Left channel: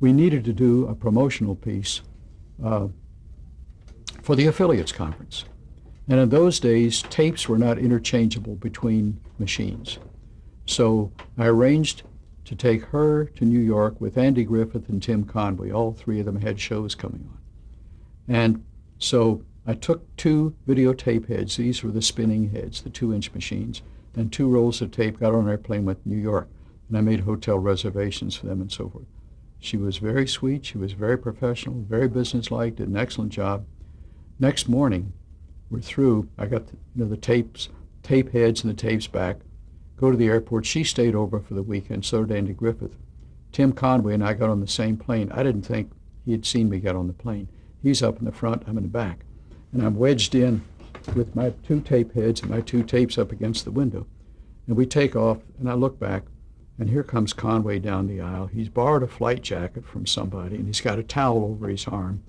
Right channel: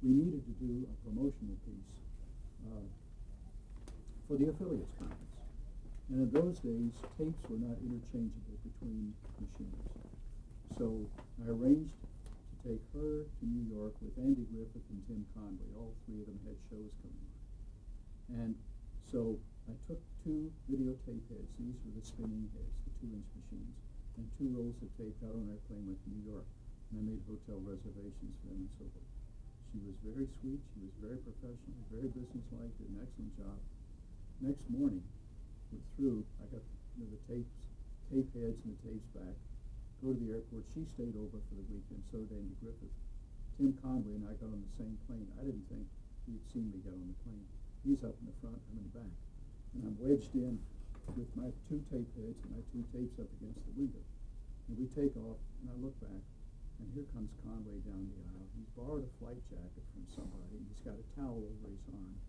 we needed to do a promotional piece for the affiliates conference. And in those days, tapes were not interchangeable between machines. So I arranged to take her to New York with Andy Griffith and Tim Conway. All three of them had shows coming on. And so I took two videotape heads. These were the spinning heads, the 2-inch machines, and 2 rolls of tape, got on an airplane, went to New York. And I made hotel reservations for them and so forth. She was very sweet. She was very professional, very businesslike, did an excellent job. Next morning, we're through. I got the tape heads and the tapes back. Go to the airport. She stayed over for the weekend, so did Andy Griffith. Tim Conway and I got on the same plane. I didn't think he had seen me get on the plane. He's up in the front, I'm in the back. And I'm wedged in with my 2 tape heads and my 2 tapes up against the window. And we take off, and I look back, and here comes Conway down the aisle. He's borrowed a flight jacket from somebody, and he's got a towel over his arm.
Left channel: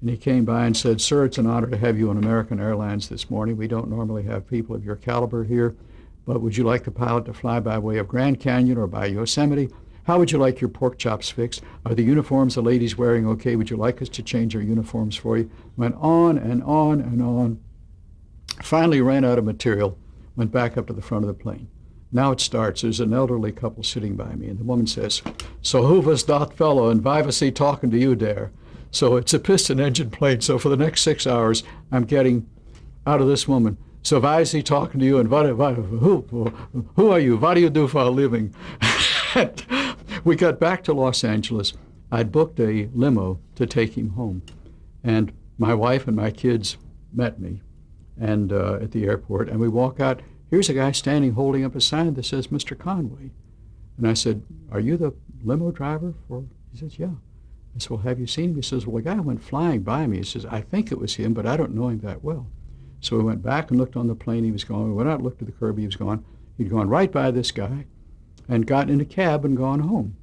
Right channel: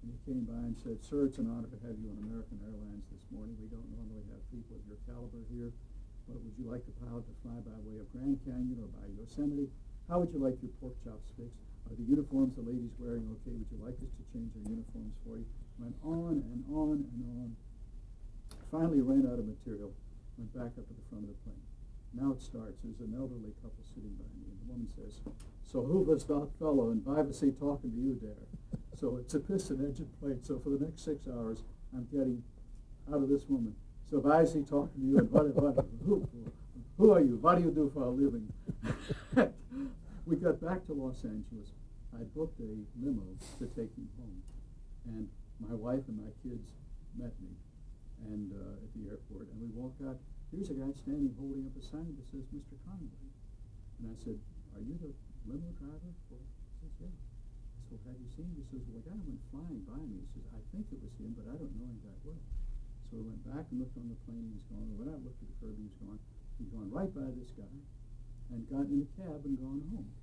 And he came by and said, "Sir, it's an honor to have you on American Airlines this morning. We don't normally have people of your caliber here, but would you like the pilot to fly by way of Grand Canyon or by Yosemite? How would you like your pork chops fixed? Are the uniforms the lady's wearing okay? Would you like us to change our uniforms for you?" Went on and on and on. Finally ran out of material, went back up to the front of the plane. Now it starts. There's an elderly couple sitting by me, and the woman says, "So who was that fellow, and why was he talking to you there?" So it's a piston engine plane. So for the next 6 hours, I'm getting out of this woman, "So why is he talking to you, and who are you? What do you do for a living?" We got back to Los Angeles. I'd booked a limo to take him home. And my wife and my kids met me and at the airport, and we walk out. Here's a guy standing holding up a sign that says Mr. Conway. And I said, "Are you the limo driver for?" He says, "Yeah." I said, "Well, have you seen him?" He says, "Well, the guy went flying by me." He says, "I think it was him, but I don't know him that well." So we went back and looked on the plane. He was gone. We went out and looked at the curb. He was gone. He'd gone right by this guy and gotten in a cab and gone home.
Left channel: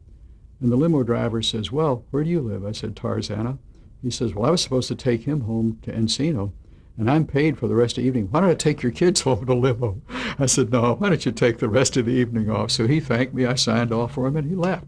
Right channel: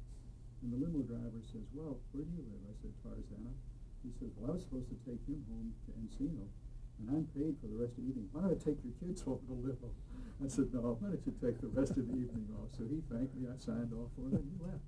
And the limo driver says, "Well, where do you live?" I said, "Tarzana." He says, "Well, I was supposed to take him home to Encino, and I'm paid for the rest of the evening. Why don't I take your kids home in a limo?" I said, "No, why don't you take the rest of the evening off?" So he thanked me. I signed off for him, and he left.